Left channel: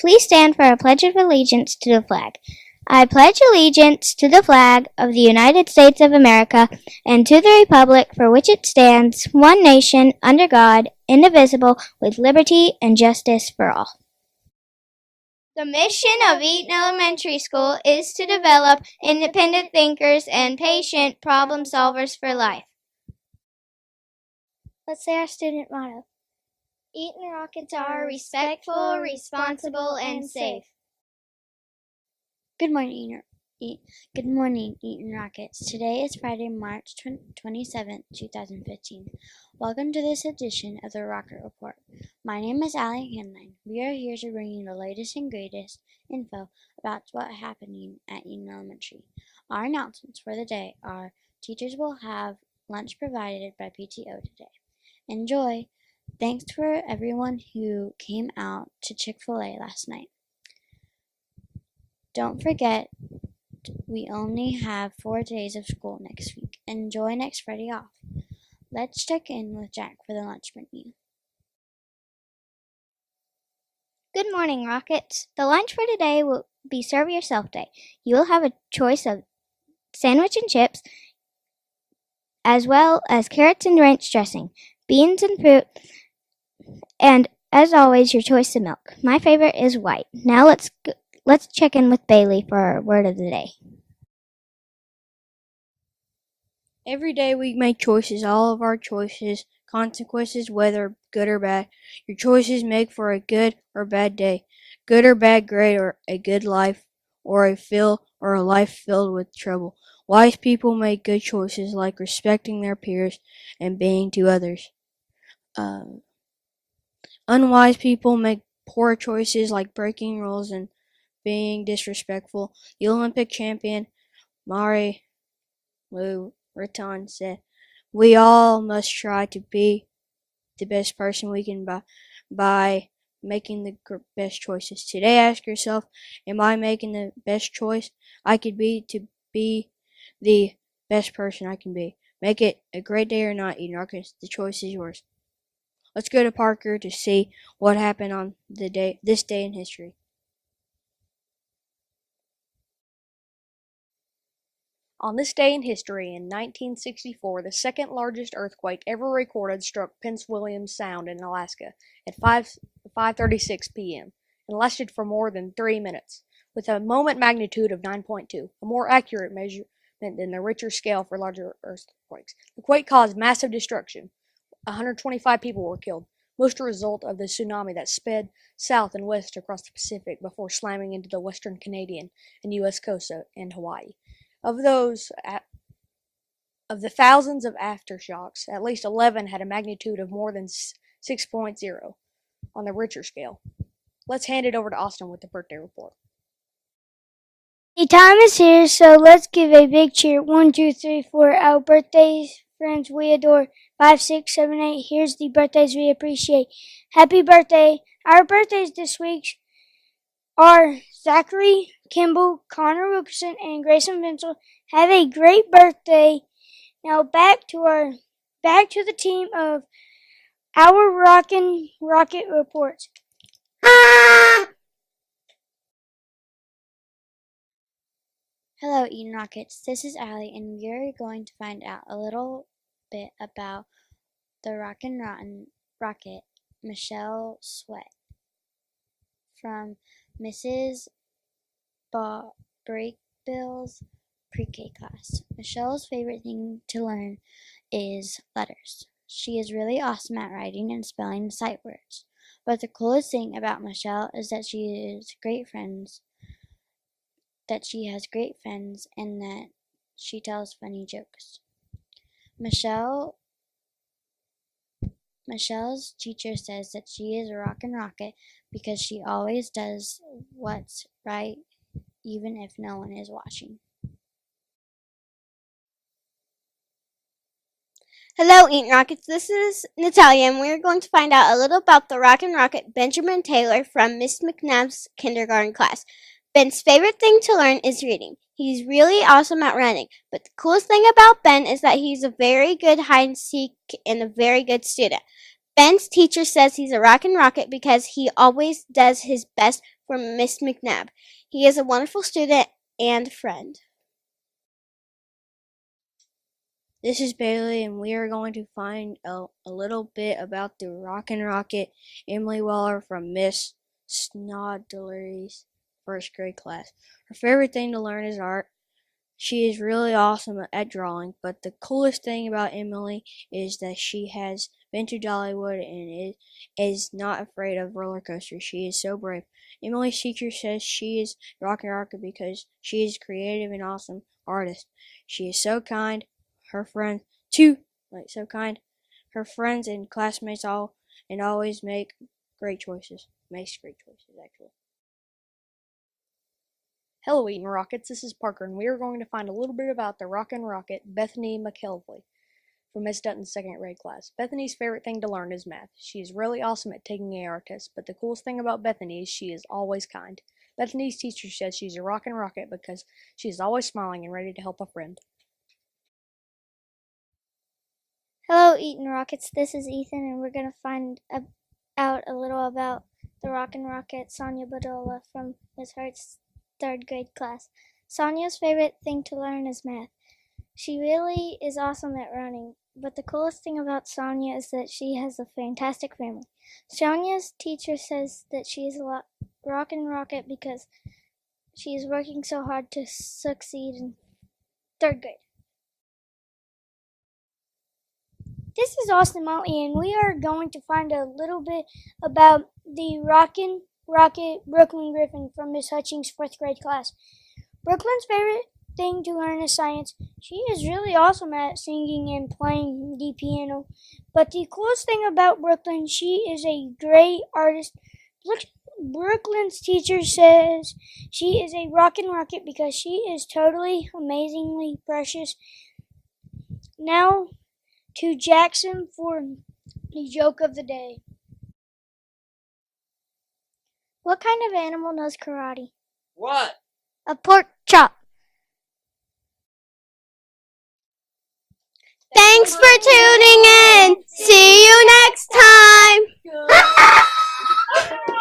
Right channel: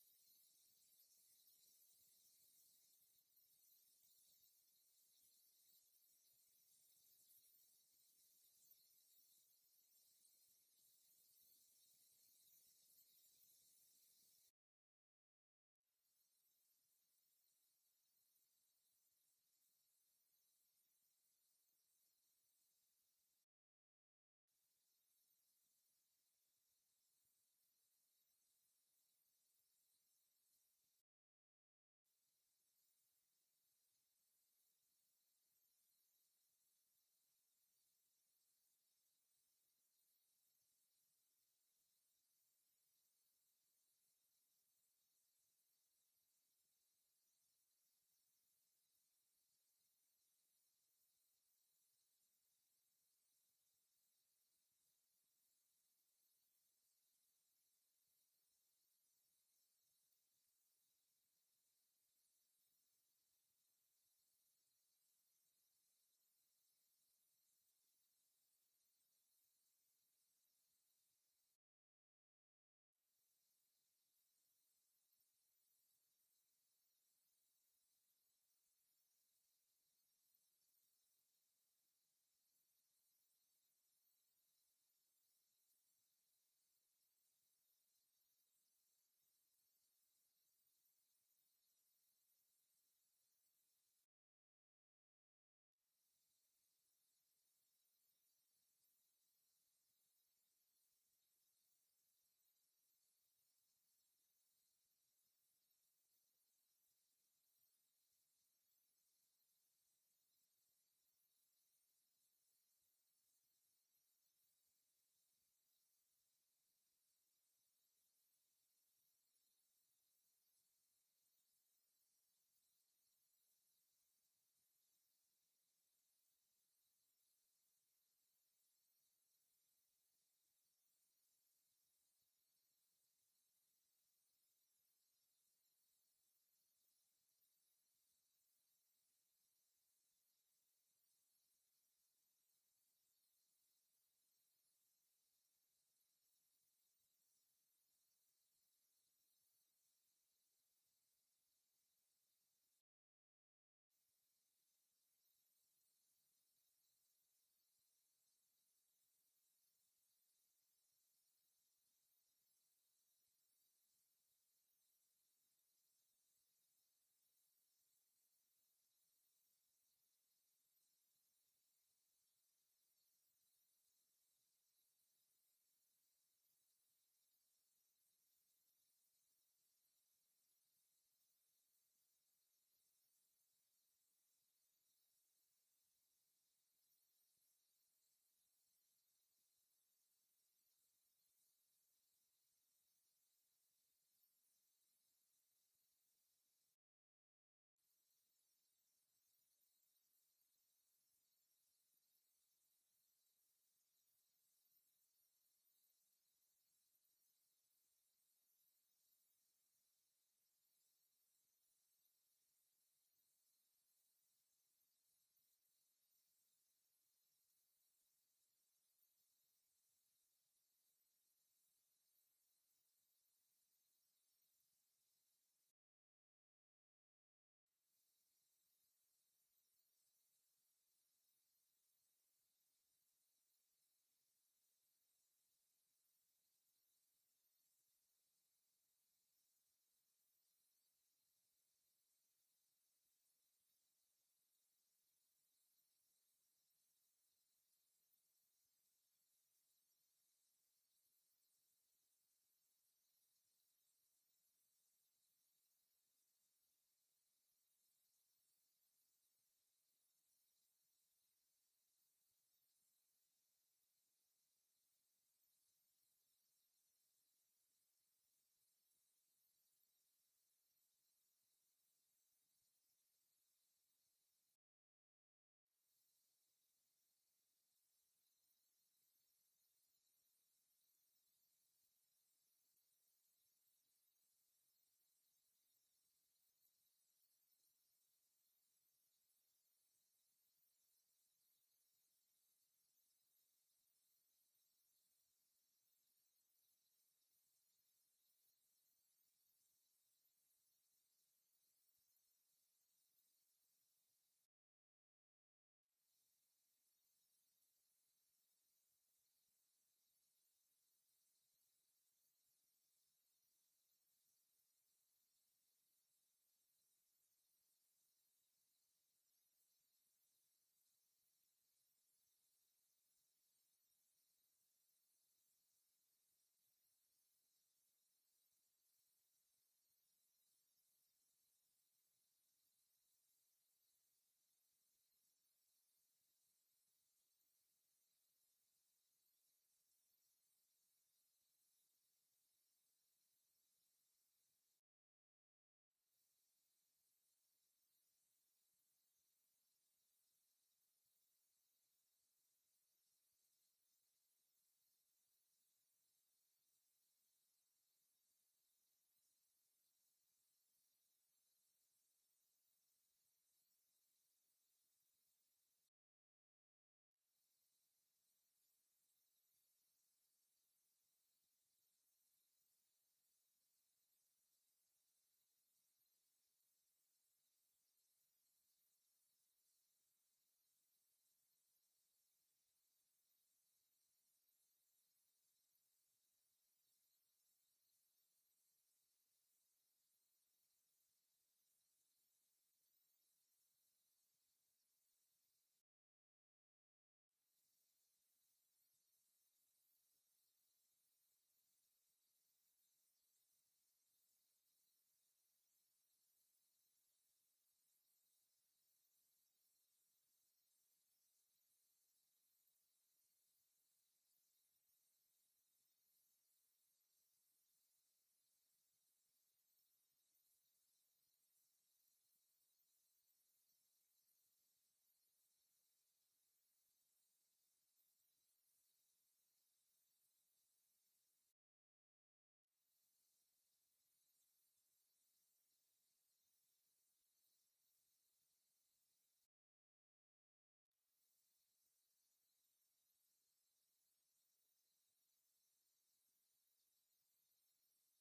Please stand for a pledge of allegiance to the flag. I pledge allegiance to the flag of the United States of America and to the republic for which it stands, one nation, under God, indivisible, with liberty and justice for all. The mission of Eaton Elementary School is to develop independent thinkers and patient problem solvers for life. Let's say our student motto. Eaton Rockets are respectful, responsible, and safe. Good morning, Eaton Rockets. Today is Friday, March 27th, 2015. Welcome to this edition of the Rocket Report. My name is Allie Hanline. We are here to bring you the latest and greatest info about what's happening at Eaton Elementary. Our announcements for the day are: teachers will have lunch provided by PTO today. Enjoy! Thanks for everyone who came out to Chick-fil-A last night. Don't forget, we only have 4 days of school next week. Enjoy next Friday off. Let's check in with Jack for the lunch menu. Good morning, Rockets. The lunch for today will be Serve Yourself Day. You will have a choice of sandwich and chips, as well as carrots and ranch dressing, beans and fruit, and as always, your choice of milk. My favorite is white. Now let's check in with Bailey for our word of the day. Every day we make choices, all of our choices, consequences, whether good or bad. Your choices make for a good or bad day, good or bad grade, or a good life, or a life filled with trouble. Wise people make good choices like respecting their peers and being to others. Unwise people make poor choices like breaking rules and being disrespectful. The Olympic champion Mari Lou Retton said, "We all must try to be the best person we can by making the best choices." Today, ask yourself, am I making the best choice I could be to be the best person I can be? Make it a great day or not, Eaton Rockets. The choice is yours. Let's go to Parker to see what happened on this day in history. On this day in history, in 1964, the second largest earthquake ever recorded struck Prince William Sound in Alaska at 5:36 p.m. and lasted for more than 3 minutes, with a moment magnitude of 9.2, a more accurate measurement than the Richter scale for larger earthquakes. The quake caused massive destruction. 125 people were killed, most a result of the tsunami that sped south and west across the Pacific before slamming into the western Canadian and U.S. coast and Hawaii. Of the thousands of aftershocks, at least 11 had a magnitude of more than 6.0 on the Richter scale. Let's hand it over to Austin with the birthday report. The time is here, so let's give a big cheer. 1, 2, 3, 4. Our birthdays, friends we adore. 5, 6, 7, 8. Here's the birthdays we appreciate. Happy birthday. Our birthdays this week are Zachary Kimball, Connor Wilkerson, and Grayson Vincent. Have a great birthday. Now back to the team of our Rockin' Rocket reports. Hello, Eaton Rockets. This is Allie, and we're going to find out a little bit about the Rockin' Rocket, Michelle Sweat, from Mrs. Breakbill's pre-K class. Michelle's favorite thing to learn is letters. She is really awesome at writing and spelling sight words. But the coolest thing about Michelle is that she has great friends, and that she tells funny jokes. Michelle's teacher says that she is a rockin' rocket because she always does what's right even if no one is watching. Hello, Eaton Rockets. This is Natalia, and we're going to find out a little about the Rockin' Rocket Benjamin Taylor from Miss McNabb's kindergarten class. Ben's favorite thing to learn is reading. He's really awesome at running, but the coolest thing about Ben is that he's a very good hide and seek and a very good student. Ben's teacher says he's a rockin' rocket because he always does his best for Miss McNabb. He is a wonderful student and friend. This is Bailey, and we are going to find a little bit about the Rockin' Rocket Emily Weller from Miss Snodlery's first grade class. Her favorite thing to learn is art. She is really awesome at drawing, but the coolest thing about Emily is that she has been to Dollywood and is not afraid of roller coasters. She is so brave. Emily's teacher says she is Rockin' Rocket because she is creative and awesome artist. She is so kind. Her friends Her friends and classmates always make great choices. Makes great choices actually. Hello, Eaton Rockets. This is Parker, and we are going to find a little bit about the Rockin' Rocket, Bethany McKelvey, from Miss Dutton's second grade class. Bethany's favorite thing to learn is math. She is really awesome at taking AR tests, but the coolest thing about Bethany is she is always kind. Bethany's teacher says she's a Rockin' Rocket because she is always smiling and ready to help a friend. Hello, Eaton Rockets. This is Ethan, and we're going to find out a little about the Rockin' Rocket, Sonia Badola, from Miss Hart's third grade class. Sonia's favorite thing to learn is math. She really is awesome at running, but the coolest thing about Sonia is that she has a fantastic family. Sonia's teacher says that she is a Rockin' Rocket because she is working so hard to succeed in third grade. This is Austin Motley, and we are going to find a little bit about the Rockin' Rocket Brooklyn Griffin from Miss Hutchings' fourth grade class. Brooklyn's favorite thing to learn is science. She is really awesome at singing and playing the piano. But the coolest thing about Brooklyn, she is a great artist. Brooklyn's teacher says she is a Rockin' Rocket because she is totally amazingly precious. Now to Jackson for the joke of the day. What kind of animal knows karate? What? A pork chop. Thanks for tuning in. See you next time.